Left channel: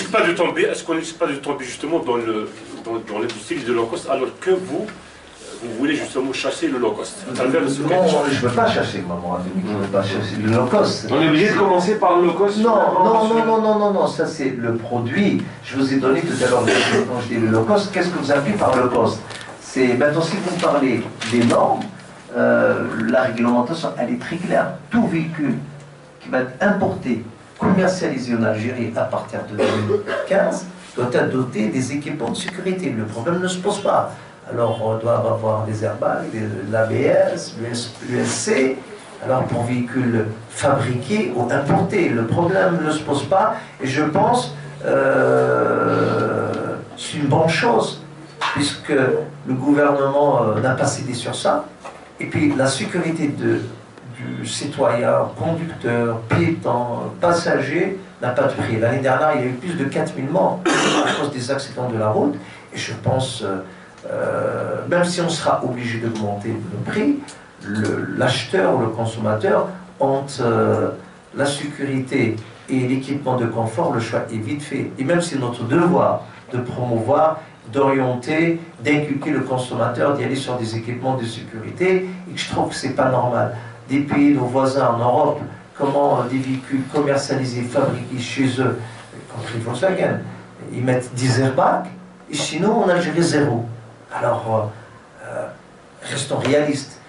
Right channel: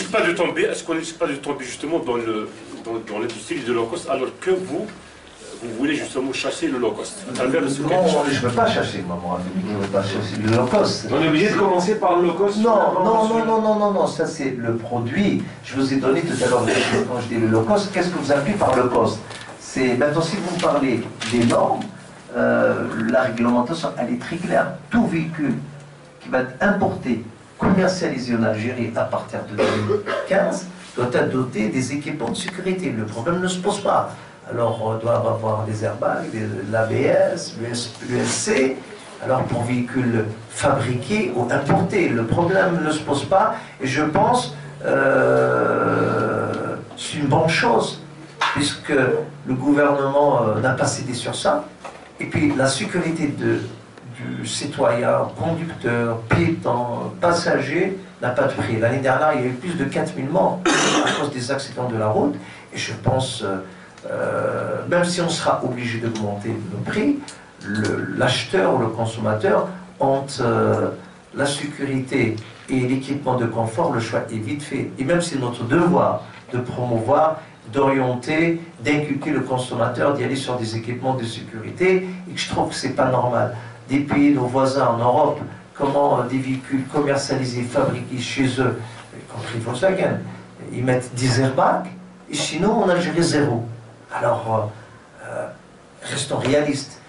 risque pas de tomber, est-ce qu'on ne risque pas de tomber justement dans l'industrie de low cost alors que vous voulez justement chasser le low cost à travers le Non, je ne veux pas chasser, maman. Je ne veux pas chasser le low cost. On est obligé de commencer par le low cost? Non, ça c'est le produit. Je vous ai donné tout à l'heure, quand je dis le low cost, qu'est-ce que vous appelez par low cost? C'est maintenant, si vous me parlez des normes, la réglementation, elle est très claire. Tout véhicule qui va être importé, commercialisé en Algérie à partir de 2015, doit être doté des équipements de sécurité. Le problème ne se pose pas. Alors, on doit avoir des airbags, l'ABS, l'USC. Alors, pour véhicules fabriqués ou importés, le problème ne se pose pas. Et je pense c'est une bonne chose, puisque le gouvernement n'a pas cédé sur ça. Et puis, la sécurité du citoyen, conducteur, piéton, passager n'a pas de prix. L'année dernière, il y a eu plus de 4000 morts à cause des accidents de la route. Et je pense... même si on sera obligé d'augmenter le prix, l'acheteur ou le consommateur entre la sécurité et l'équipement de confort, le choix est vite fait. Et même si c'est notre devoir de promouvoir, d'orienter, d'inculquer le consommateur, d'y aller sur des équipements de sécurité, et que je trouve que c'est pas normal. Des pays, nos voisins en Europe, comment des véhicules commercialisés, fabriqués chez eux, y compris Volkswagen, ils mettent 10 airbags, et sinon en Algérie 0. Alors, restons réalistes.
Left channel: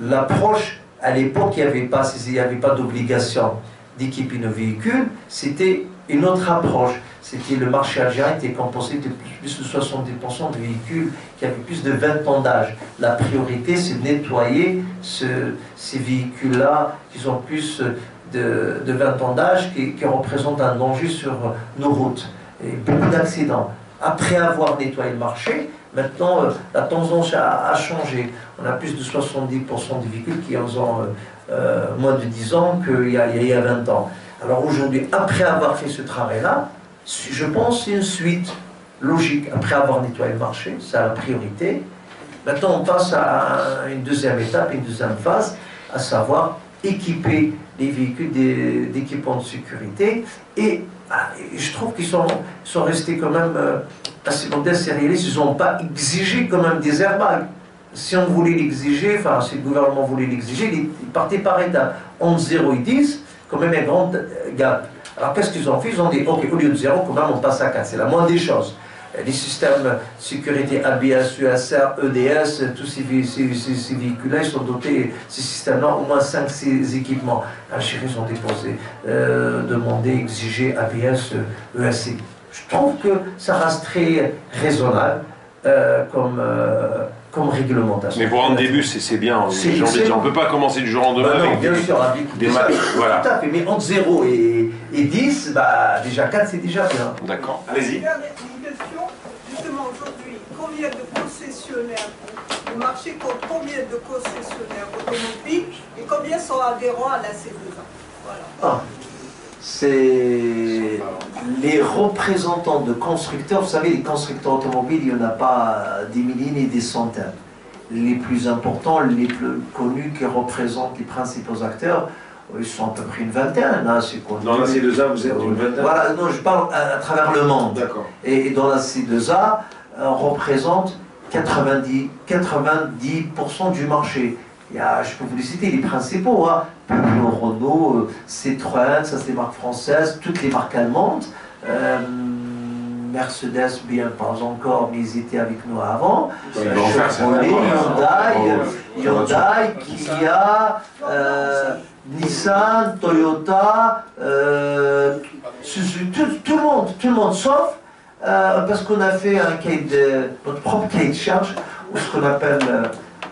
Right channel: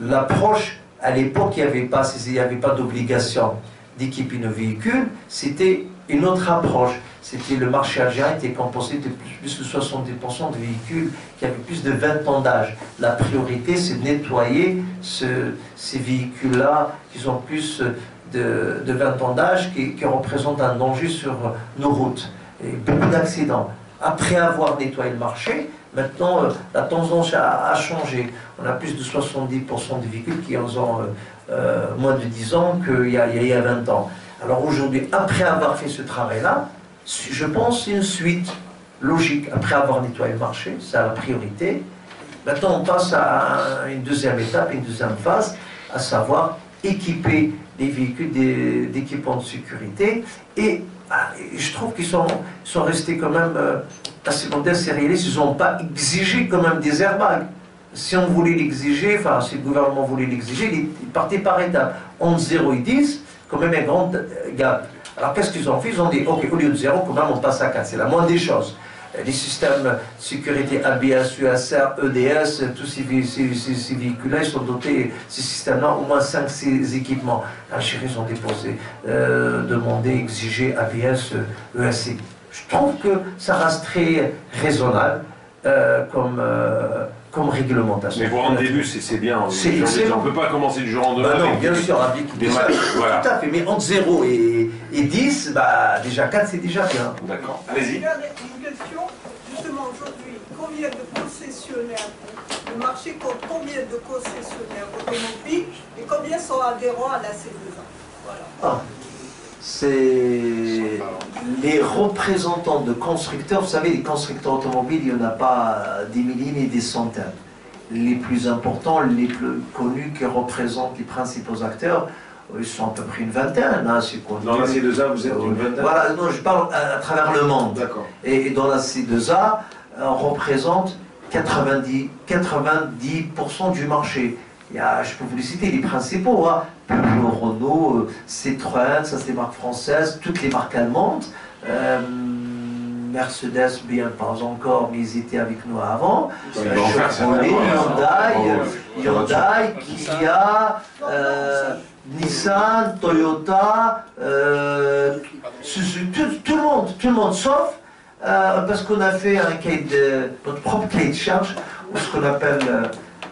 L'approche, à l'époque, il n'y avait pas d'obligation d'équiper nos véhicules, c'était une autre approche. C'était le marché algérien était composé de plus de 70% de véhicules qui avaient plus de 20 ans d'âge. La priorité, c'est de nettoyer ces véhicules-là qui ont plus de 20 ans d'âge, qui représentent un danger sur nos routes. Et beaucoup d'accidents. Après avoir nettoyé le marché, maintenant, la tendance a changé. On a plus de 70% de véhicules qui ont moins de 10 ans qu'il y a 20 ans. Alors aujourd'hui, après avoir fait ce travail-là, je pense que c'est une suite logique. Après avoir nettoyé le marché, c'est la priorité. Maintenant, on passe à une deuxième étape, une deuxième phase, à savoir équiper les véhicules d'équipements de sécurité. Et je trouve qu'ils sont restés quand même assez modestes et réalistes. Ils n'ont pas exigé quand même des airbags. Si on voulait l'exiger, enfin si le gouvernement voulait l'exiger, il partait par étapes. Entre 0 et 10, quand même un grand gap. Alors qu'est-ce qu'ils ont fait? Ils ont dit, ok, au lieu de 0, quand même on passe à 4. C'est la moindre des choses. Les systèmes de sécurité ABS, USR, EDS, tous ces véhicules-là, ils sont dotés, ces systèmes-là, au moins 5-6 équipements. L'Algérie, ils ont déposé, demandé, exigé ABS, ESC. Je trouve que ça reste très raisonnable comme réglementation. Mais pour un début, c'est bien. On ne peut pas commencer du jour au lendemain. Non, bien sûr, avec des matchs. Voilà. Tout à fait, mais entre 0 et 10, déjà 4, c'est déjà bien. D'accord. Allez-y. Une question. Justement, aujourd'hui, combien de concessionnaires, le marché compte combien de concessionnaires automobiles et combien sont adhérents à la C2A? Voilà. C'est les représentants de constructeurs. Vous savez, les constructeurs automobiles, il n'y en a pas des milliers ni des centaines. Les plus importants, les plus connus qui représentent les principaux acteurs, ils sont à peu près une vingtaine. Hein, dans la C2A, vous êtes une vingtaine? Voilà, non, je parle à travers le monde. D'accord. Et dans la C2A, on représente 90% du marché. Je peux vous les citer, les principaux, hein. Peugeot, Renault, Citroën, ça c'est des marques françaises, toutes les marques allemandes, Mercedes, bien pas encore, mais ils étaient avec nous avant, Chevrolet, Hyundai, Kia, Nissan, Toyota, Suzuki, tout le monde, sauf parce qu'on a fait notre propre cahier de charge, ou ce qu'on appelle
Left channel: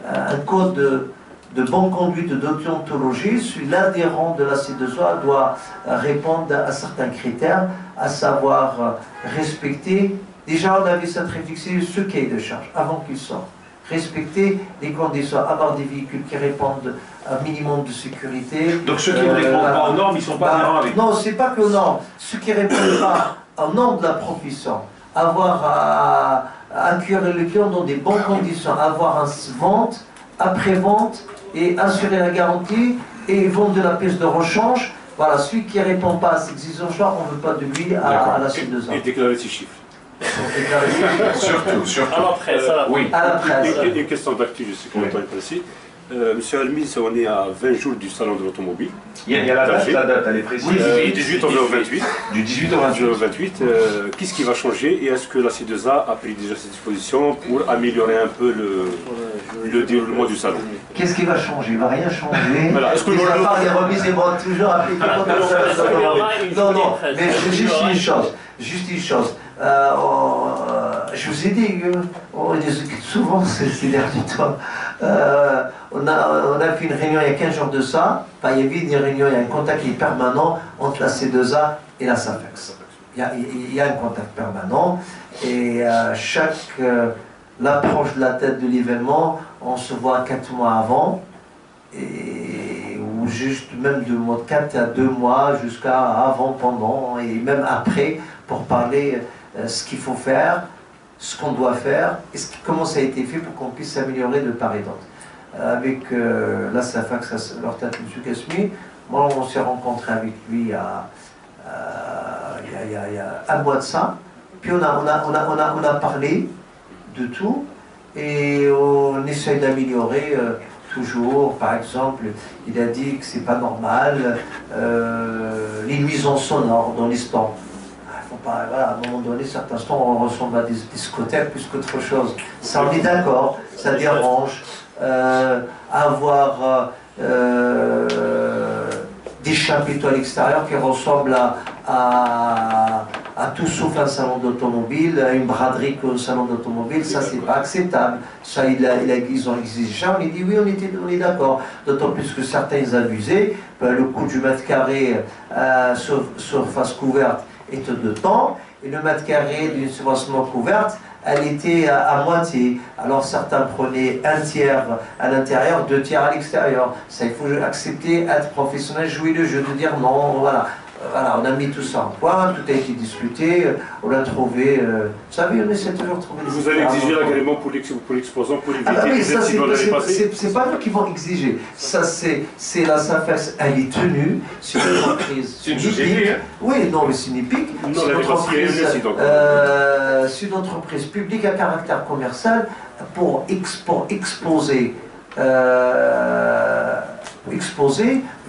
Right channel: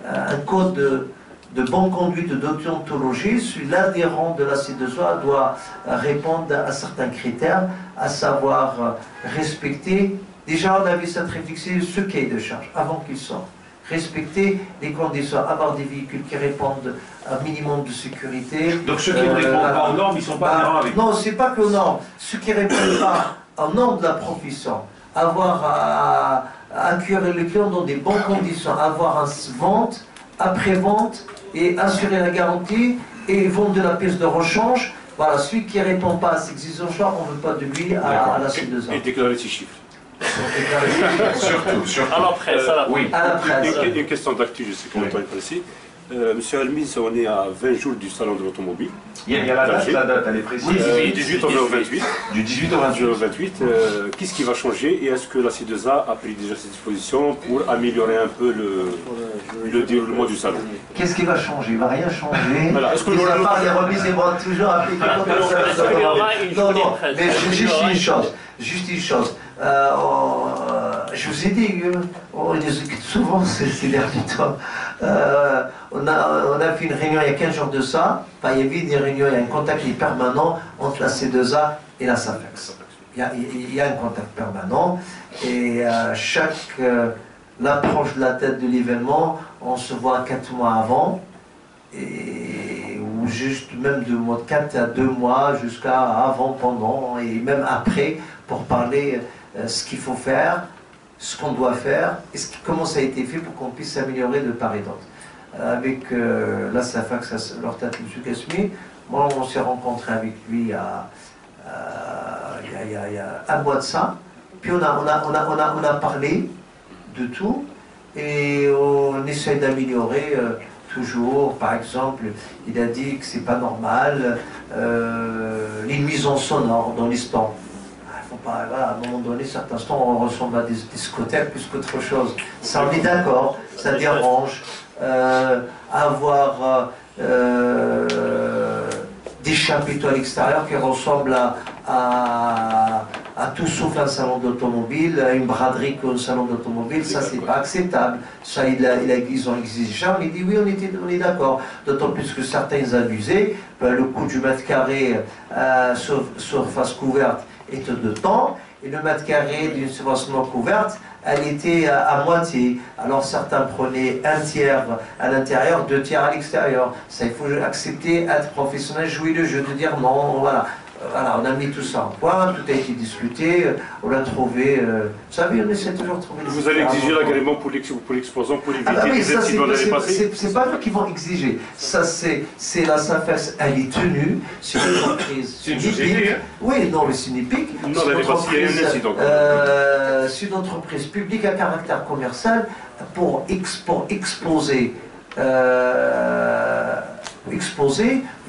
un code de bonne conduite de déontologie. L'adhérent de la C2A doit répondre à certains critères, à savoir respecter, déjà on avait cette réflexion, ce cahier de charge, avant qu'il sorte. Respecter les conditions, avoir des véhicules qui répondent à un minimum de sécurité. Donc ceux qui ne répondent pas aux normes, ils ne sont pas adhérents avec. Non, c'est pas que aux normes. Ceux qui ne répondent pas aux normes de la profession, avoir à accueillir le client dans des bonnes conditions, avoir une après-vente et assurer la garantie et vendre de la pièce de rechange. Voilà, celui qui ne répond pas à ces exigences-là, on ne veut pas de lui à la C2A. Et déclarer ses chiffres. Surtout. À la presse, à la Oui. À la presse. Une question d'actu, je sais que le temps est pressé. Monsieur Almis, on est à 20 jours du salon de l'automobile. Il y a la date, elle est précise. Du 18 au 28. Du 18 au 28. Qu'est-ce qui va changer et est-ce que la C2A a pris déjà ses dispositions pour améliorer un peu le déroulement du salon? Qu'est-ce qui va changer? Il ne va rien changer. Voilà. Est-ce que Mis à part les remises et ventes toujours appliquées contre le salon. Non, mais juste une chose. Je vous ai dit, on discute souvent ces derniers temps. On a fait une réunion il y a 15 jours de ça. Enfin, il y avait une réunion, il y a un contact permanent entre la C2A et la SAFEX. Il y a un contact permanent et l'approche de la tête de l'événement, on se voit 4 mois avant. Ou juste même de 4 à 2 mois jusqu'à avant, pendant et même après pour parler ce qu'il faut faire, ce qu'on doit faire et comment ça a été fait pour qu'on puisse s'améliorer de part et d'autre. Avec la SAFEX, leur tête M. Kasmi, moi on s'est rencontré avec lui il y a un mois de ça, puis on a parlé de tout et on essaie d'améliorer toujours. Par exemple, il a dit que c'est pas normal les nuisances sonores dans les stands. Faut pas, voilà, à un moment donné, certains stands on ressemble à des discothèques plus qu'autre chose. Ça, on est d'accord, ça dérange. Avoir des chapiteaux à l'extérieur qui ressemblent à tout sauf un salon d'automobile, à une braderie qu'un salon d'automobile, ça c'est pas acceptable. Ça ils ont exigé ça, on a dit oui, on est d'accord. D'autant plus que certains abusaient, le coût du mètre carré surface couverte était de temps, et le mètre carré d'une surface non couverte, elle était à moitié. Alors certains prenaient 1/3 à l'intérieur, 2/3 à l'extérieur. Ça, il faut accepter, être professionnel, jouer le jeu, de dire non, voilà. Voilà, on a mis tout ça en point, tout a été discuté, on a trouvé... vous savez, on essaie toujours de trouver des... Vous allez exiger l'agrément pour l'exposant pour éviter des incidents l'année passée? C'est pas eux qui vont exiger. Ça, c'est la SAFEX, elle est tenue, c'est une entreprise. C'est une société, hein? Oui, non, mais c'est une épique. Non, l'année passée, il y a eu un incident. C'est une entreprise publique à caractère commercial pour exposer. Vous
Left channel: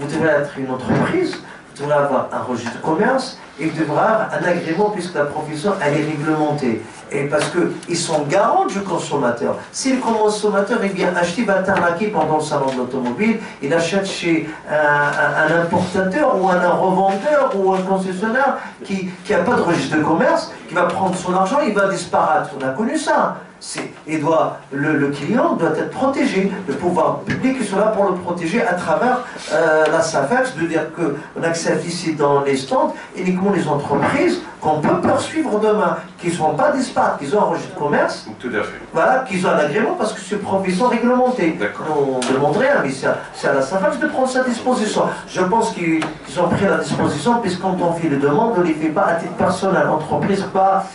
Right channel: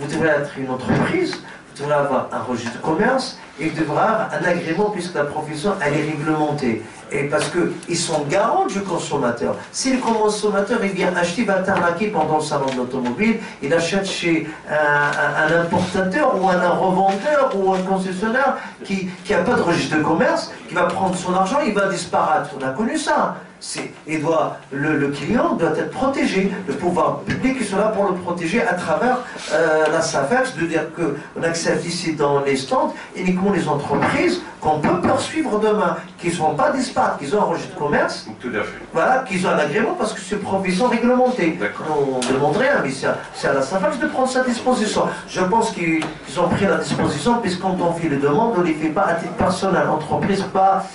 devez être une entreprise. Vous devrez avoir un registre de commerce et vous devrez avoir un agrément puisque la profession elle est réglementée. Et parce qu'ils sont garants du consommateur. Si le consommateur vient acheter, il va t'arnaquer pendant le salon de l'automobile, il achète chez un importateur ou un revendeur ou un concessionnaire qui n'a pas de registre de commerce, qui va prendre son argent, il va disparaître. On a connu ça. Le client doit être protégé. Le pouvoir public est là pour le protéger à travers la SAFEX, de dire qu'on accepte ici dans les stands uniquement les entreprises qu'on peut poursuivre demain, qui ne sont pas dispares, qu'ils ont un registre de commerce, Tout à fait. voilà, qu'ils ont un agrément parce que c'est une profession réglementée. D'accord. On ne demande rien, mais c'est à la SAFEX de prendre sa disposition. Je pense qu'ils ont pris la disposition, puisque quand on fait les demandes, on ne les fait pas à titre personnel, entreprise, pas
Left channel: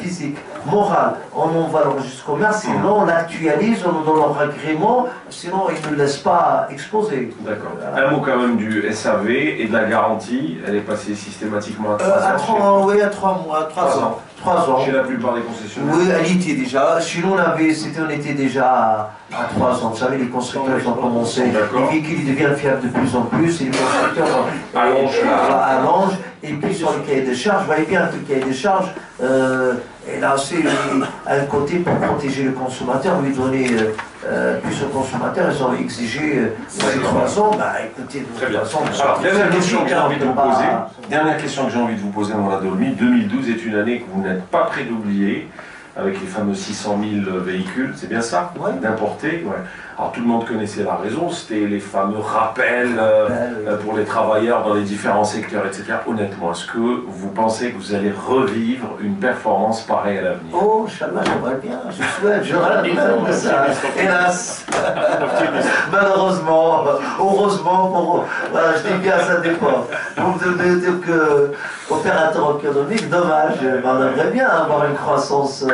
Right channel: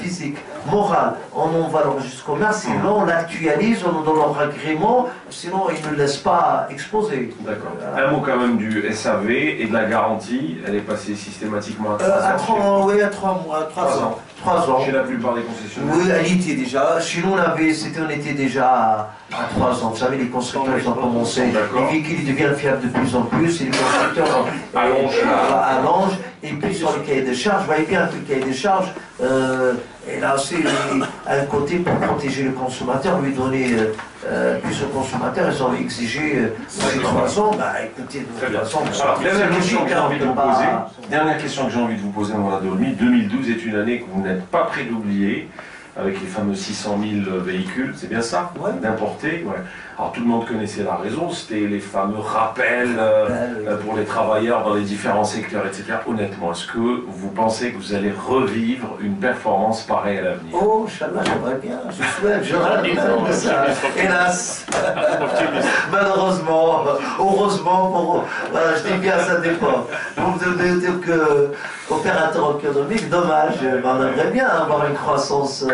physique, morale. On envoie le registre de commerce, sinon on l'actualise, on donne leur agrément, sinon ils ne laissent pas exposer. D'accord. Un mot quand même du SAV et de la garantie, elle est passée systématiquement à 3 ans. Oui, à 3 mois, 3 ans. 3 ans. Chez la plupart des concessionnaires. Oui, elle y était déjà. Chez nous, on était déjà à 3 ans. Vous savez, les constructeurs, ils ont commencé. Les véhicules, ils deviennent fiables de plus en plus. Et les constructeurs allongent. Et puis sur le cahier des charges, vous voyez bien que le cahier des charges, et là aussi, un côté pour protéger le consommateur, lui donner plus au consommateur, ils ont exigé ces 3 ans. Bah écoutez, de toute façon, alors, dernière question que j'ai envie de vous poser. Dernière question que j'ai envie de vous poser, Mourad Olmi. 2012 est une année que vous n'êtes pas prêt d'oublier, avec les fameux 600 000 véhicules, c'est bien ça? Ouais. D'importer, ouais. Alors tout le monde connaissait la raison, c'était les fameux rappels pour les travailleurs dans les différents secteurs, etc. Honnêtement, est-ce que vous pensez que vous allez revivre une performance pareille à l'avenir? Oh, Inch'Allah, j'aimerais bien, je souhaite, j'aurais bien ça. Hélas, malheureusement, heureusement, voilà, je dis bien, ça dépend. Pour me dire que opérateur économique, dommage, on aimerait bien avoir une croissance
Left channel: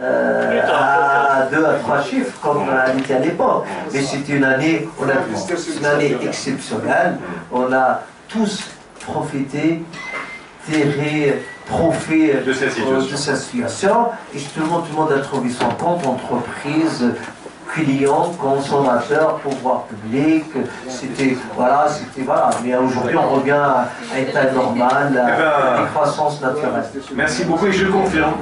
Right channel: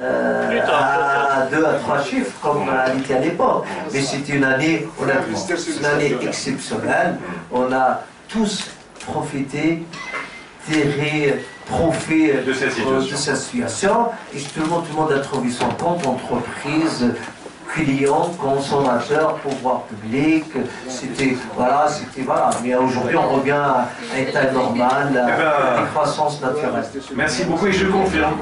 à 2 à 3 chiffres comme elle était à l'époque. Mais c'était une année, honnêtement, une année exceptionnelle. On a tous profiter, tirer profit de cette situation. Et tout le monde a trouvé son compte, entreprise, clients, consommateurs, pouvoir public. C'était voilà. Mais aujourd'hui, on revient à l'état normal, à la croissance naturelle. Merci beaucoup et je confirme.